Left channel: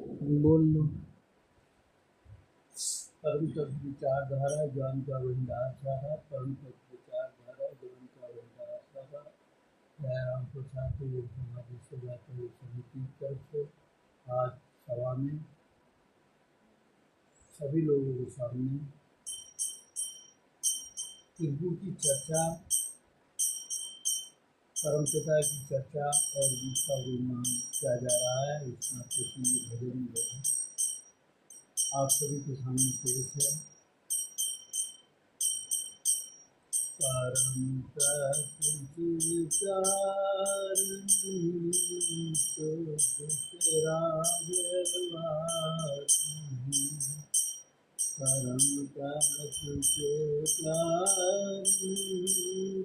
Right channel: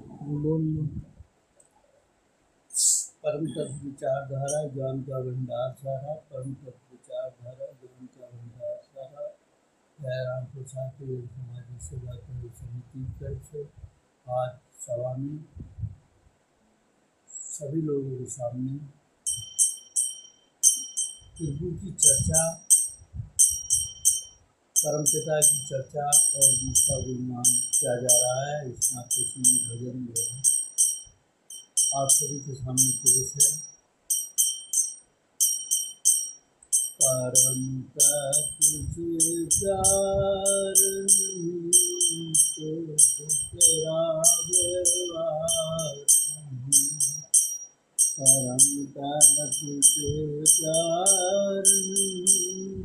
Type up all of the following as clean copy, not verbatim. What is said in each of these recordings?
बोल लो। परम तत्व विचारधारा ज्ञान का भंडार सारा, परम तत्व विचारधारा ज्ञान का भंडार सारा। जयराम प्रसाद समाज सेवा समिति की तरफ से आज सभा में सभी लोगों के सामने प्रभु की चर्चा, परमपिता की चर्चा और उसका गुणगान किया जा रहा है। इस नाते से भजन जो है आप सभी के सामने पेश है। परम तत्व विचार तो तेरा व्यवहार नहीं, परम तत्व विचार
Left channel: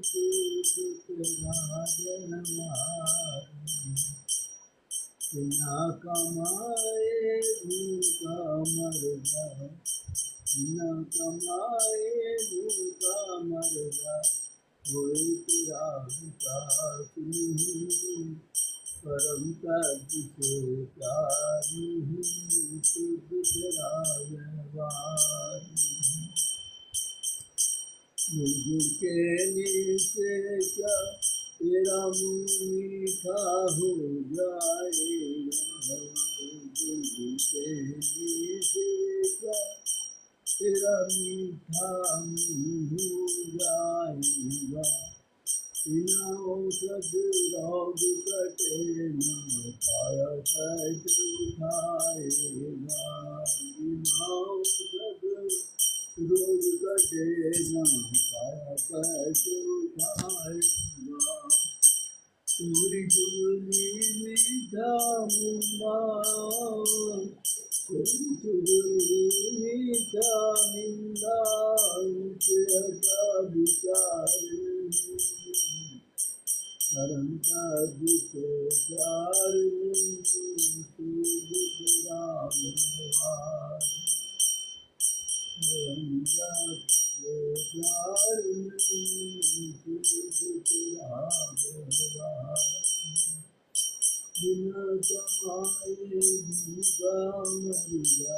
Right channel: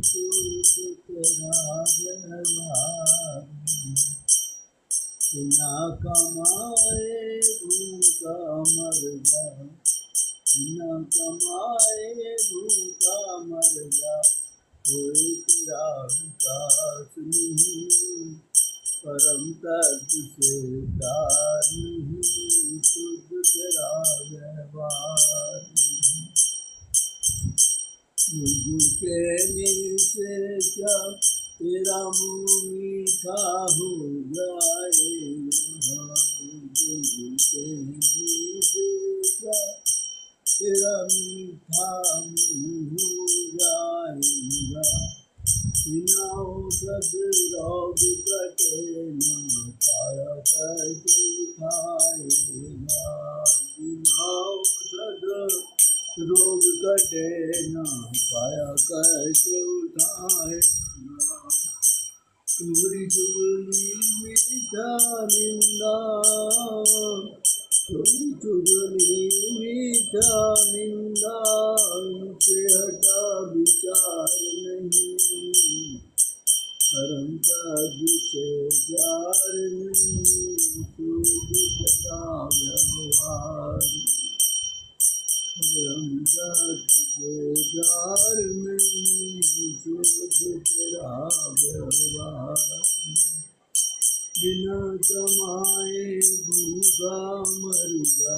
तो तेरा व्यवहार नहीं। बिना कमाए भूखा मर जा, बिना कमाए भूखा मर जा, कोई तेरा विकास नहीं। परम तत्व से प्यार नहीं, शुद्ध तेरा व्यवहार नहीं। गुरु के नीचे क्या तेरा मुँह मीठा हो जाएगा, गुरु के नीचे क्या तेरा मीठा मुँह हो जाएगा। बिना औषध रोग कटे न काया कष्ट उठाएगा, बिना औषध रोग कटे न काया कष्ट उठाएगा। चोरी चुगली मीठा निंदा, चोरी चुगली मीठा निंदा, उनसे हटा विचार नहीं। परम तत्व से प्यार नहीं, शुद्ध तेरा व्यवहार। परम तत्व से प्यार नहीं, शुद्ध तेरा व्यवहार। बिना कमाए भूखा मर जा,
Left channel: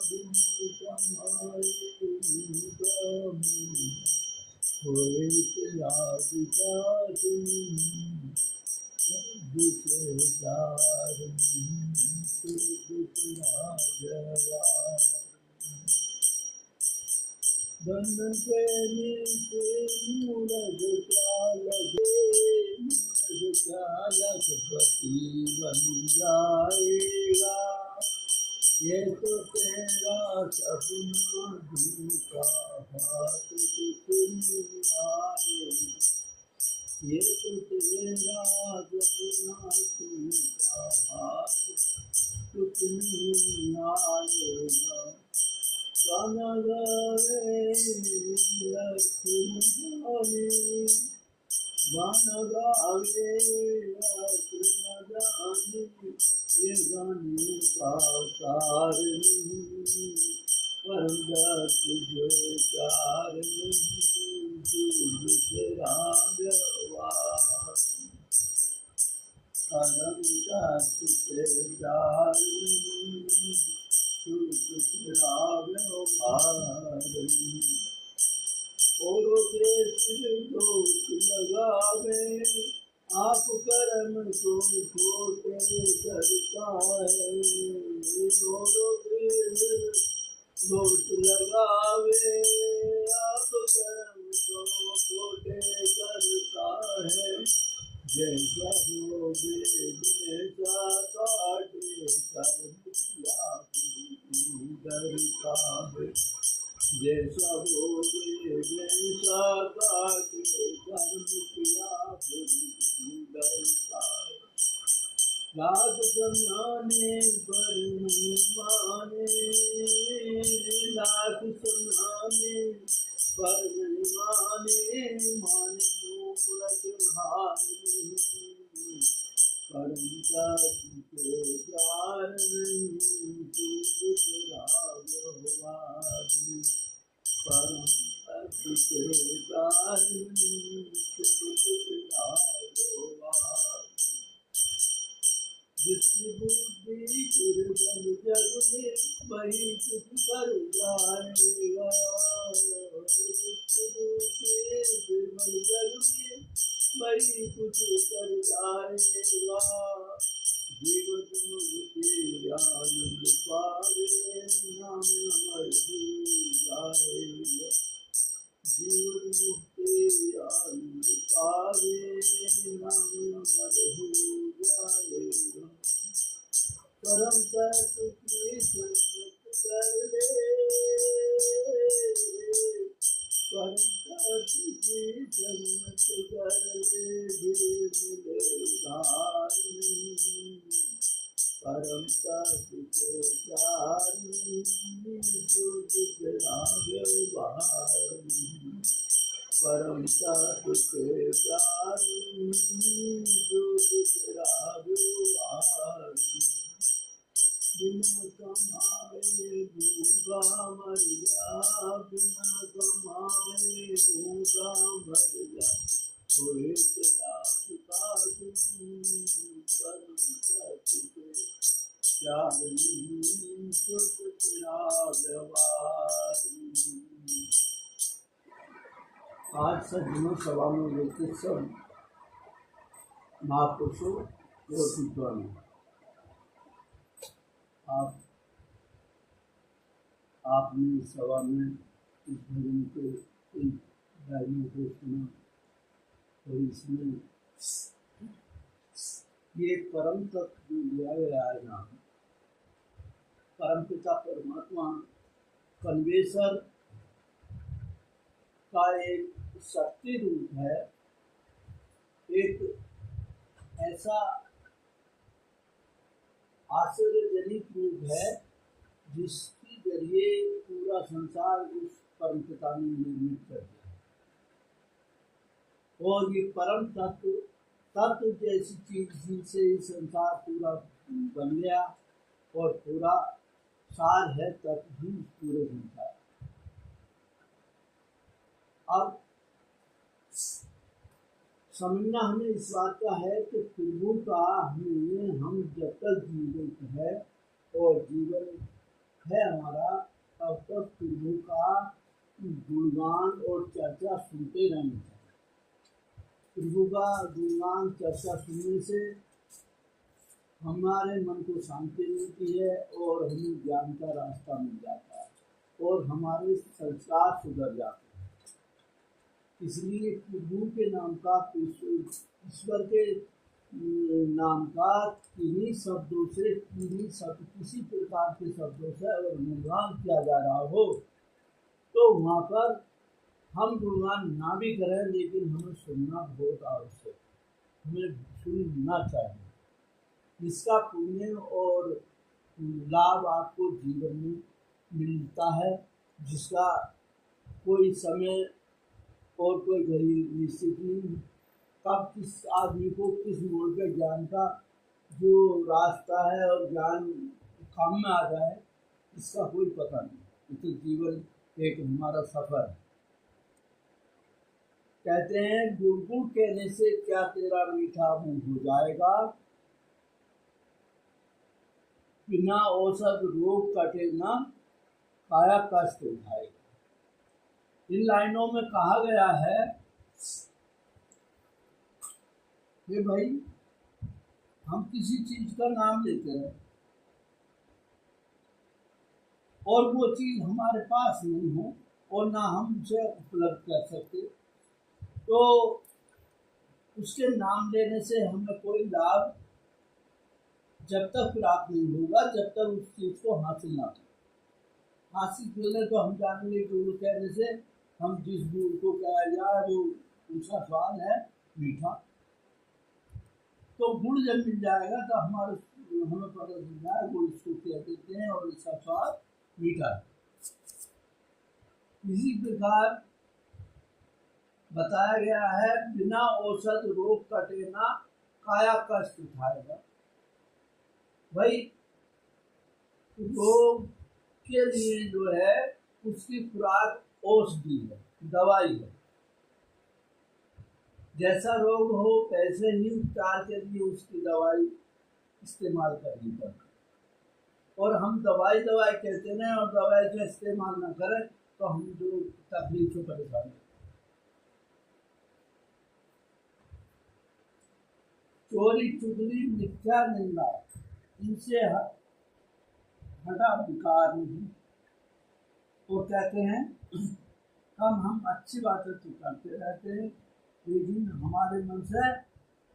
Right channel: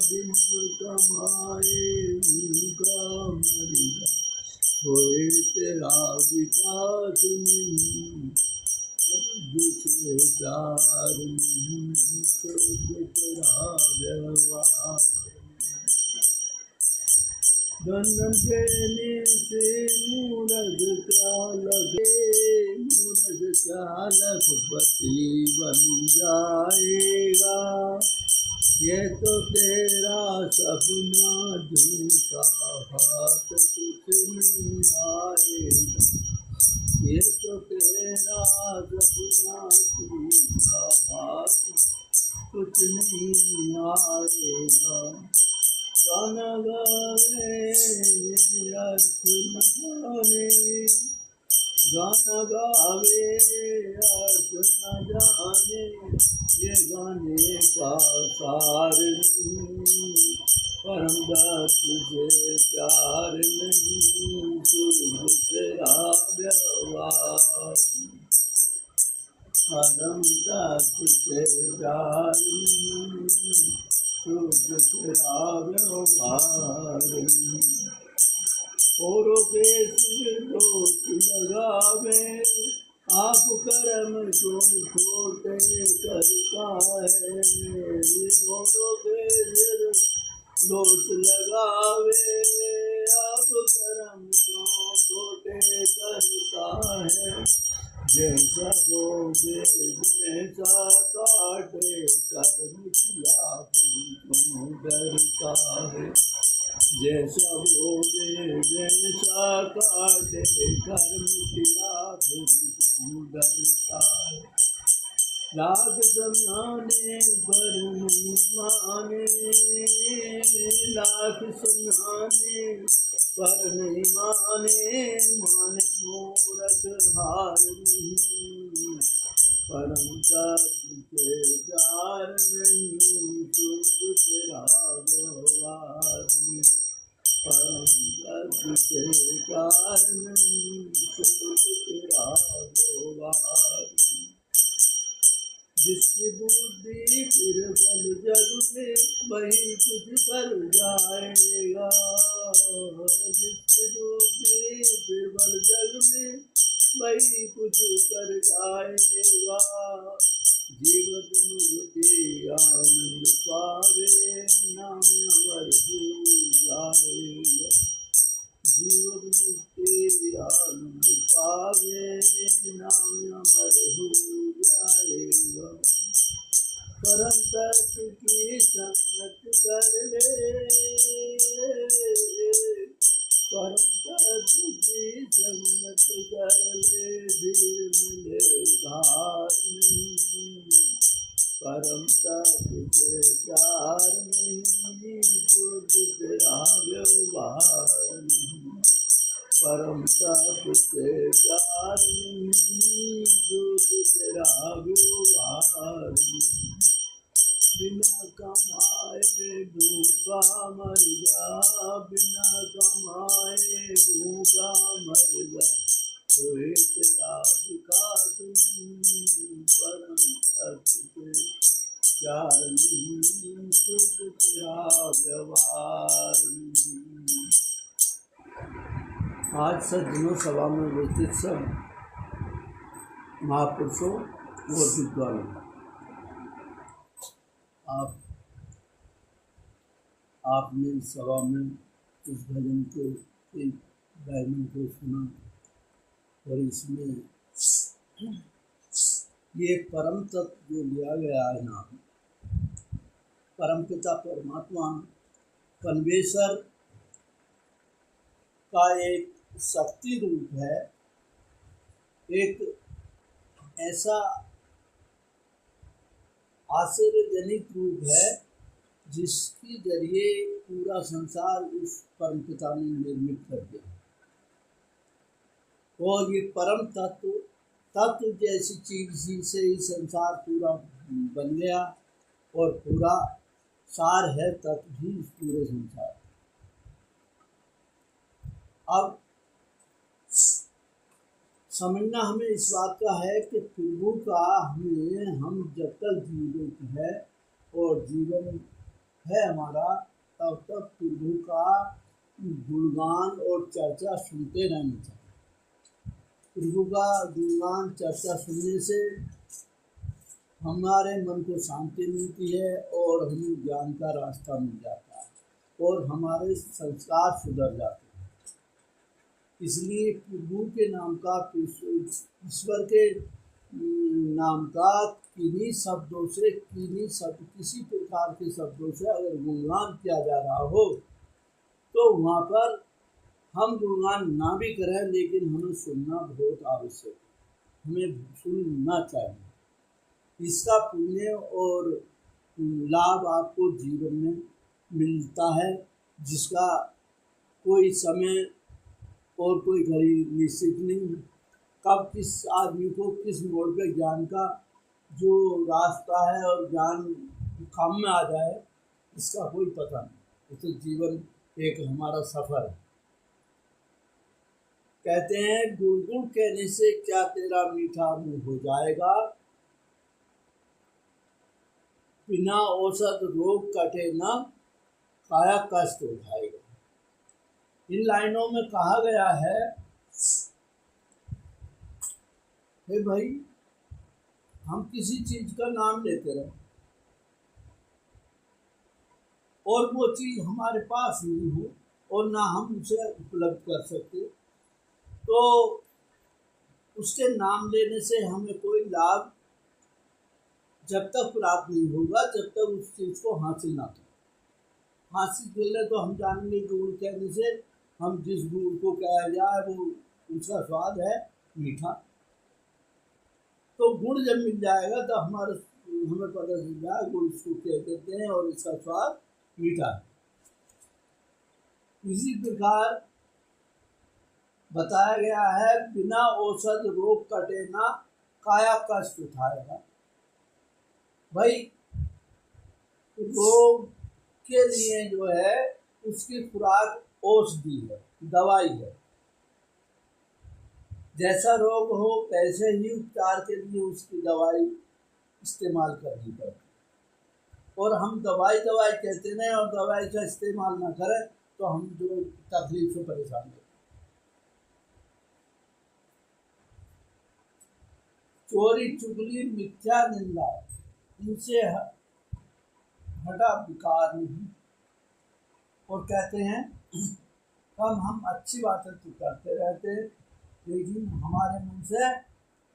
बिना कमाए भूखा मर जा, कोई तेरा विकास नहीं। तुझसे प्यार नहीं, शुद्ध तेरा व्यवहार। धन देने से मूरख क्या लगे, मूरख क्या लखपति बन जाएगा। ये तो तेरा सपना झूठा, हाथ कुछ नहीं आएगा। ये तो तेरा सपना झूठा, हाथ कुछ नहीं आएगा। गाना गावे अर्थ न जाने, गाना गावे अर्थ न जाने, ये गाने का सार नहीं। परम तत्व से प्यार नहीं, शुद्ध तेरा व्यवहार। परम तत्व से प्यार नहीं, शुद्ध तेरा व्यवहार। औरों के सिर दोष लगावे, आप कर्म को छोटे करता है। औरों के सिर दोष लगावे, आप कर्म को छोटे करता है। जैसा बोगे वैसा काटे, कर्म किया तुम डरता है। जैसा बोगे वैसा काटे, कर्म किया तुम डरता है। लाख समझाने पर नहीं माने, लाख समझाने पर नहीं माने, माने मूरख हार नहीं। परम तत्व से प्यार नहीं, शुद्ध तेरा व्यवहार। परम तत्व से प्यार नहीं, शुद्ध तेरा व्यवहार। जिसकी बुद्धि फिर बल जग में वही कुछ कर जाएगा। जिसके डूबे बीरबल जग में वही कुछ कर जाएगा। जीवन मुक्ति आनंद पावे नाम अमर हो जाएगा। जीवन मुक्ति आनंद पावे नाम अमर हो जाएगा। परम तत्व की संगत कर ले, परम तत्व की संगत कर ले, भी मिले उधार नहीं। परम तत्व से प्यार नहीं, जो तेरा व्यवहार नहीं। परम तत्व से प्यार नहीं, जो तेरा व्यवहार नहीं। बिना कमाए भूखा मर जा, बिना कमाए भूखा मर जा, कोई तेरा विकास नहीं। परम तत्व से प्यार नहीं, शुद्ध तेरा व्यवहार नहीं। आज सज्जनों सभा में उपस्थित सब महापुरुषों व विद्वानों, आपने इस सभा में इस भजन के गायनों को सुना और इसमें ये परम तत्व जो लिया गया है यहाँ, परमपिता परमात्मा कन्वेसर का एक शक्ति रूप है, एक ऐसा आश्चर्यजनक रूप है जिसके जरिए पूरा संसार उस परमपिता ने निर्मित कर दिया। और ये परम तत्व जैसी चीज से ही संसार पूरा बन गया और पूरा सार है तत्व ही पूरे संसार। अब समझना हमें इस बात का है कि प्रभु का हम जब तक जीवित है और जीवन है हमारा, तब तक प्रभु का गुणगान और चर्चा सुनते रहना चाहिए। प्रभु का गुणगान चर्चा सुनने से हमारे मन को शांति मिलती है और हमें ज्ञान का रास्ता मिल जाता है और हमारे संस्कार सुधर जाते हैं। इसलिए प्रभु के नाम का, ईश्वर के नाम का किन्हीं शब्दों से, किसी प्रकार के शब्दों से अगर गुणगान किया जा रहा हो तो वहाँ पर हम गुणगान ना भी करें, लेकिन हमें सुनना बहुत आवश्यक, हमें सुनना चाहिए। इसका पुण्य और लाभ आपको जीवन में मिलता है, जिसका कोई समय और कोई घड़ी निश्चित नहीं है। कब किस आदमी को किस मोड़ पे ज्ञान का जो रास्ता है और ज्ञान काम में आ जाए, इसका कोई पता नहीं। तो जीवन एक हमारा सफर है। कहते हैं गुड़ कहने से क्या तेरा मीठा मुंह हो जाएगा, बिना औषध रोग कटे न काया कष्ट उठाएगा। इन लाइनों में कहा गया है कि भाई हम किसी चीज का नाम लेते रहे और वो चीज हमारे पास नहीं हो और ना हम उसे उपलब्ध कर सकते, तो उसके नाम लेने से हमें कोई लाभ जब तक प्राप्त नहीं होगा जब तक उस चीज को हासिल ना हो। हासिल करने तो हम जानेंगे गुड़ कहने से हम जिस गुड़ को कहा जाए वो उसका स्वाद है मीठा। तो गुड़ जब मिल जाएगा तो हमें पता चल जाए गुड़ इसको कह देते हैं और इसका स्वाद मीठा है। इसी प्रकार बताया गया है बिना औषध रोग कटे ना काया कष्ट उठाएगा। भाई रोग के लिए जो है उसकी खुराक औषधि है, दवाई है। जैसा रोग हो वैसे ही उपचार के लिए उसकी दवाई इस्तेमाल करनी पड़ती। और हम दवाई दवाई कहते रहें और दवाई का इस्तेमाल ना करें तो हम जो तकलीफ से परेशान हैं। चोरी चुगली मिथ्या निंदा इनसे हटा विकार नहीं। और कहते हैं हम अच्छी बातें तो करते रहते हैं, लेकिन हमारे मन से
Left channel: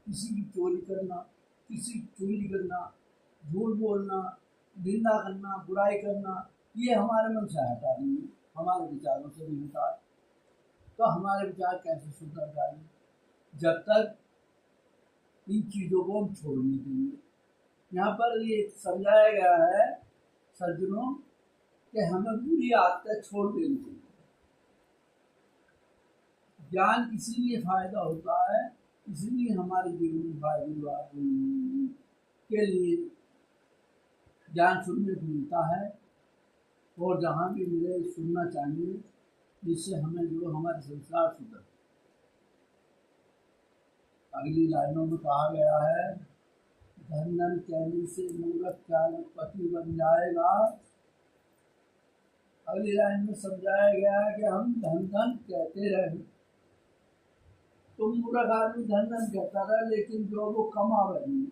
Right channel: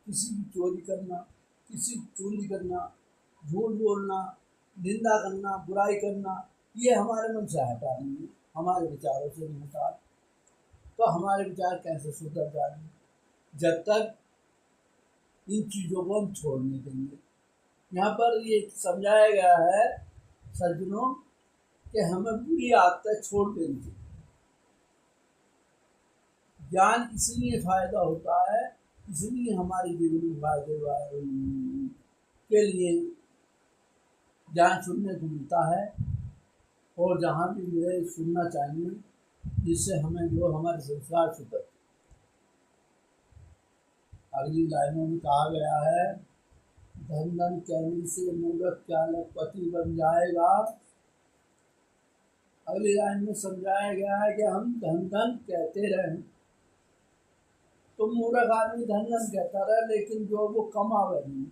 किसी की चोरी करना, किसी की चुगली करना, झूठ बोलना, निंदा करना, बुराई करना, ये हमारे मन से हटा नहीं, हमारे विचारों से नहीं हटा। तो हमारे विचार कैसे सुधर जाएंगे जब तक इन चीज़ों को हम छोड़ नहीं देंगे। यहाँ पर ये समझाया गया है सज्जनों कि हमें बुरी आदतें छोड़ देनी चाहिए। ज्ञान इसलिए फायदा होता है, इसलिए हमारे जीवन में फायदे के लिए ज्ञान सुनने को मिलता है, और जहाँ भी मिले सुनना चाहिए, जिससे हमें जो हमारे संस्कार सुधर। अगली लाइनों में कहा गया है, धन धन कहने से मूर्ख क्या लखपति बन जाएगा। अगली लाइन में समझाया गया है कि हम धन धन कहते रहें तो मूर्ख आदमी धन धन कहता रहे, लेकिन जो वो कमावे नहीं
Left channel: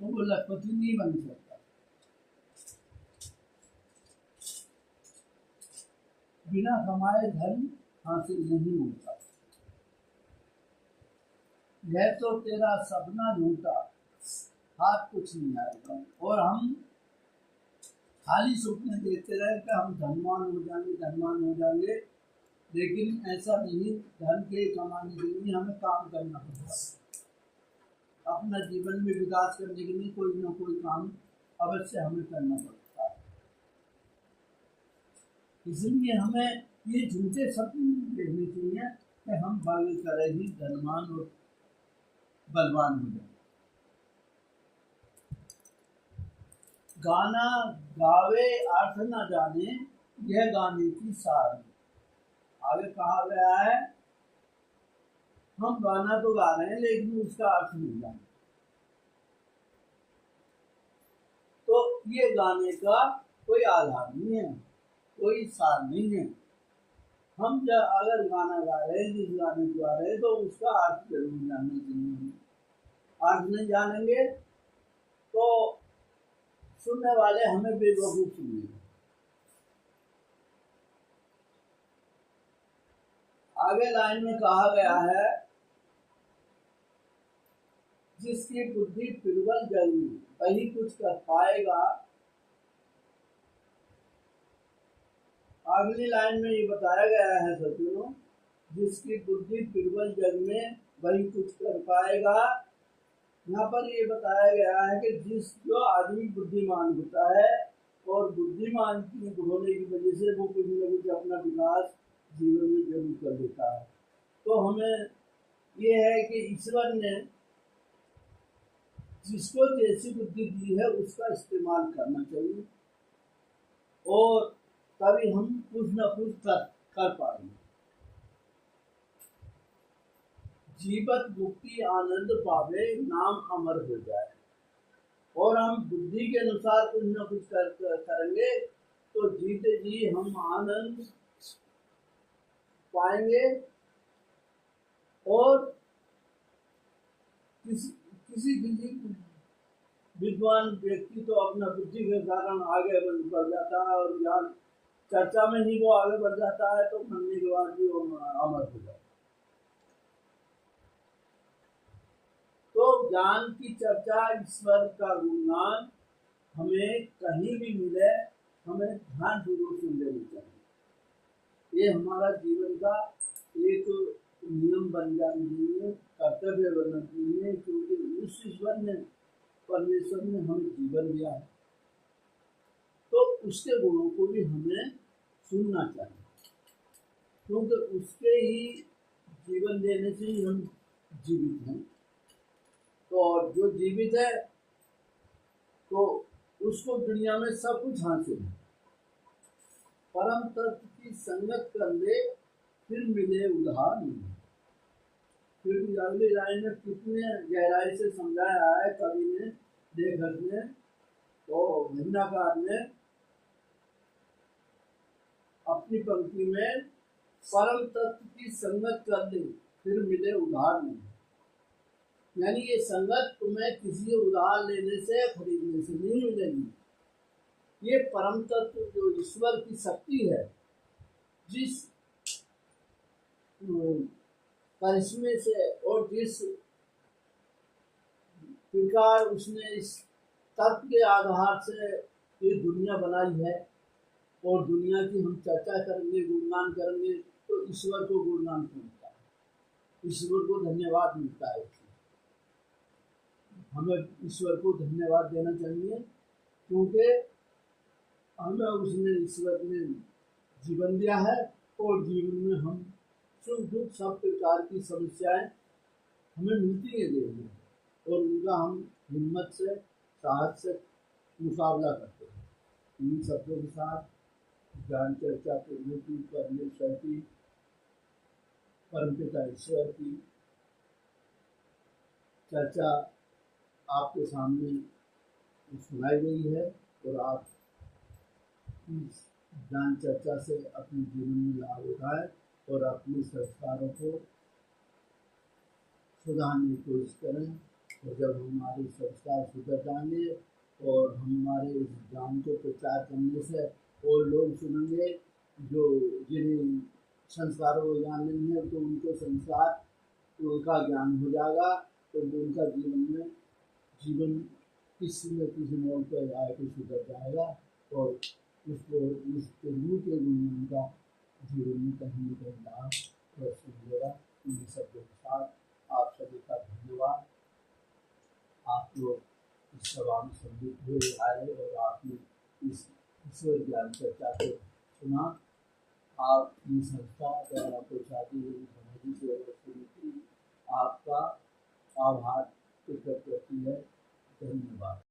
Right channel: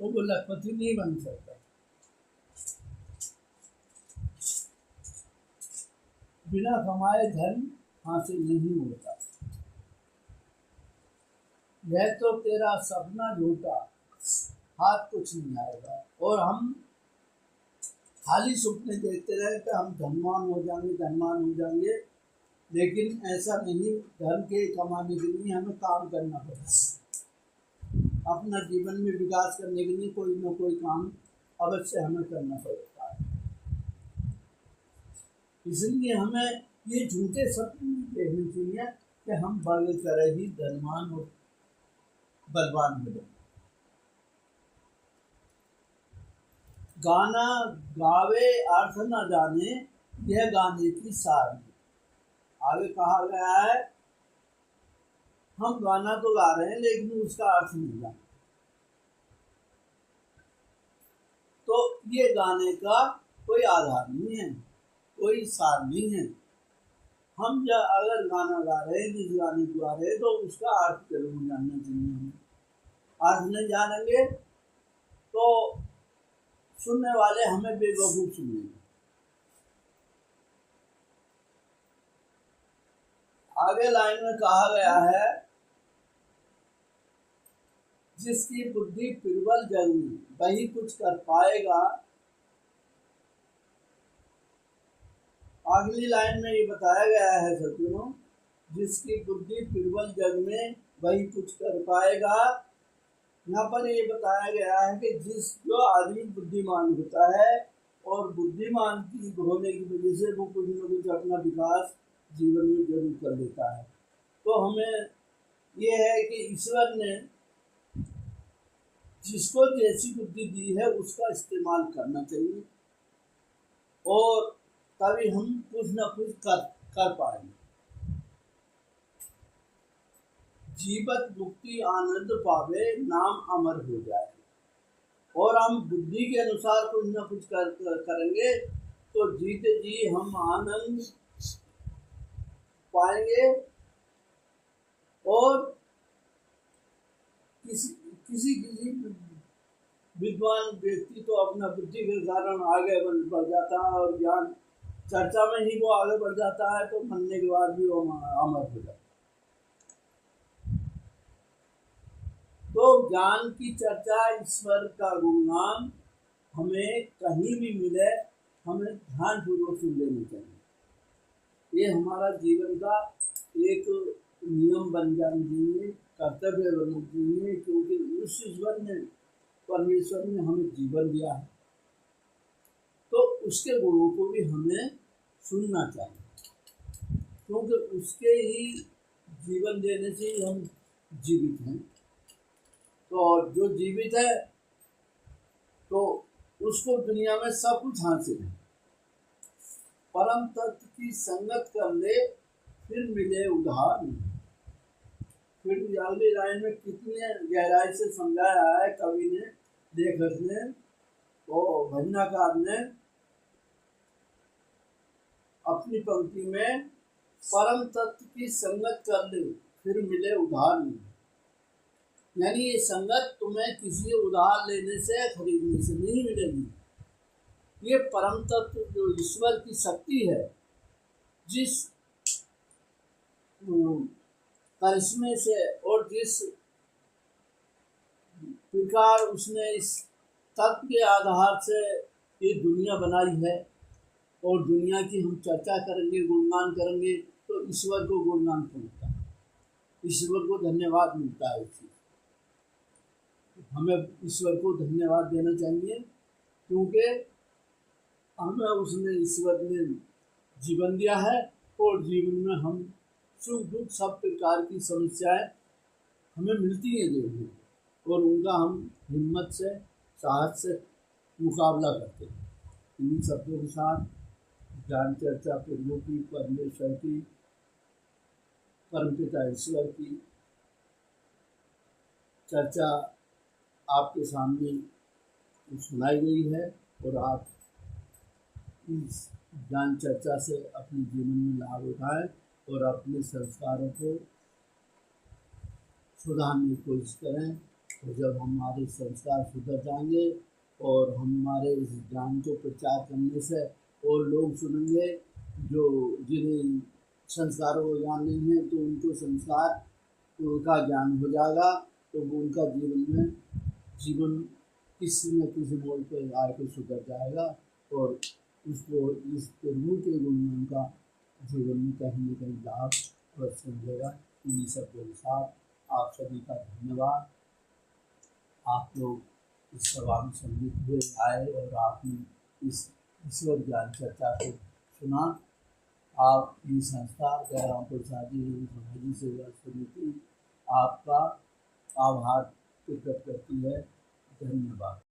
तो वो लखपति नहीं बन सकता। बिना कमाए धन हासिल नहीं होता। यह तो तेरा सपना झूठा, हाथ कुछ नहीं आएगा। और हम खाली सपने देखते रहे कि हम धनवान हो जाएंगे, धनवान हो जाएंगे, लेकिन ऐसा नहीं। धन के कमाने के लिए हमें काम करना पड़ता है। अपना जीवन में विकास करने के लिए कोई ना कोई काम अवश्य हमें करना पड़ता है। इसलिए हमें ये झूठे सपने देखने चाहिए कि हम बढ़ कर ही धनवान और बलवान हो जाए। गाना गावे अर्थ न जाने, यह गाने की सार। आगे कहा गया है हम गाना तो गा रहे हैं लेकिन उसका अर्थ नहीं जानते, तो ये गाने का कोई आधार नहीं है, कोई सार नहीं है। हम जब अगर गाना गा रहे हैं, जिस गाने को गा रहे हैं, तो उसका अर्थ जरूर जानना चाहिए। अर्थ नहीं जानेंगे तो सुनने वाले हमें बेवकूफ सुनेंगे। आगे लाइन में कहा गया है, जिसकी बुद्धि प्रबल जगी वही कुछ कर पाएगा। अगली लाइन में ये बताया गया है सज्जनों, जिसकी बुद्धि प्रबल जग में वही कुछ कर पाएगा। यहाँ पर ये बताया गया है कि जो आदमी बुद्धिमान होता है और बुद्धिमान की होने की वजह से वो कुछ न कुछ अपना विकास जीवन में जरूर कर लेता है। तो हमें ये है कि ईश्वर ने जिसको जैसी बुद्धि दी है उसका इस्तेमाल करना चाहिए, और तभी हम कुछ न कुछ कर पाएंगे। जीवत मुक्ति आनंद पावे, नाम अमर हो जाए। और हम बुद्धि के अनुसार कुछ न कुछ करेंगे तो जीते जी हम आनंद पाएंगे, और किसी विद्वान व्यक्ति तो अपना बुद्धि के कारण आगे बढ़ जाता है, और ज्ञान चर्चा में ही वो आगे बढ़ जाता है, तो मरने के बाद भी वो अमर हो जाता है। तो ज्ञान की चर्चा, ईश्वर का गुणगान हमें कहीं भी मिले, हमें ध्यानपूर्वक सुन लेनी चाहिए। ये हमारा जीवन का एक नियम बन जाना चाहिए, कर्तव्य बनना चाहिए, क्योंकि उस ईश्वर ने, परमेश्वर ने हमें जीवन दिया है, तो उसके गुणों को भी हमें सुनना चाहिए, क्योंकि उसके ही जीवन देने से ही हम जीवित हैं। तो जो जीवित है तो उसको दुनिया में सब कुछ हासिल है। परम तत्व की संगत कर ले, फिर मिले उधार नहीं। फिर भी अगली लाइन में कितने गहराई से समझाया है कवि ने, लेखक ने, तो भजनाकार ने अपनी पंक्ति में परम तत्व की संगत कर ली फिर मिले उधार नहीं, यानी ये संगत तुम्हें किसी उधार लेने से खरीदने से नहीं मिलेगी। ये परम तत्व जो ईश्वर की शक्ति है, जिस करिश्मे से और जिस प्रकार उसने इस तत्व के आधार से ये दुनिया बनाई है, और दुनिया की हम चर्चा करेंगे, गुणगान करेंगे, तो ईश्वर को गुणगान मिलता है, ईश्वर को धन्यवाद मिलता है। हमें ईश्वर को धन्यवाद देना चाहिए, क्योंकि हमें उसने ईश्वर ने जीवन दिया है, और जीवन में हम सुख दुख सब प्रकार की समस्याएं हमें मिलती हैं जीवन में, और उनका हम हिम्मत से साहस से मुकाबला करते हैं। इन शब्दों के साथ ज्ञान चर्चा प्रभु की, परमेश्वर की, परमपिता ईश्वर की चर्चा आपके सामने सुनाई गई है, और आप इस ज्ञान चर्चा से अपने जीवन में लाभ उठाएं और अपने संस्कारों को सुधारने की कोशिश करें। और जब हमारे संस्कार सुधर जाएंगे और हमारे इस ज्ञान को प्रचार करने से और लोग सुनेंगे जो जिन्हें संस्कारों को ज्ञान नहीं है, तो उनको संस्कार का ज्ञान हो जाएगा, तो उनका जीवन किसी न किसी मोड़ पर आकर सुधर जाएगा, और इसको इस प्रभु के गुण का जीवन में कहीं न कहीं लाभ अवश्य मिलेगा। इन शब्दों के साथ आप सभी का धन्यवाद। आप लोग इस सभा में सम्मिलित हुए आए और आपने इस ईश्वर ज्ञान चर्चा को सुना। आपकी संस्था जयराम प्रसादी समाजी सेवा समिति आपका आभार प्रकट करती है। धन्यवाद।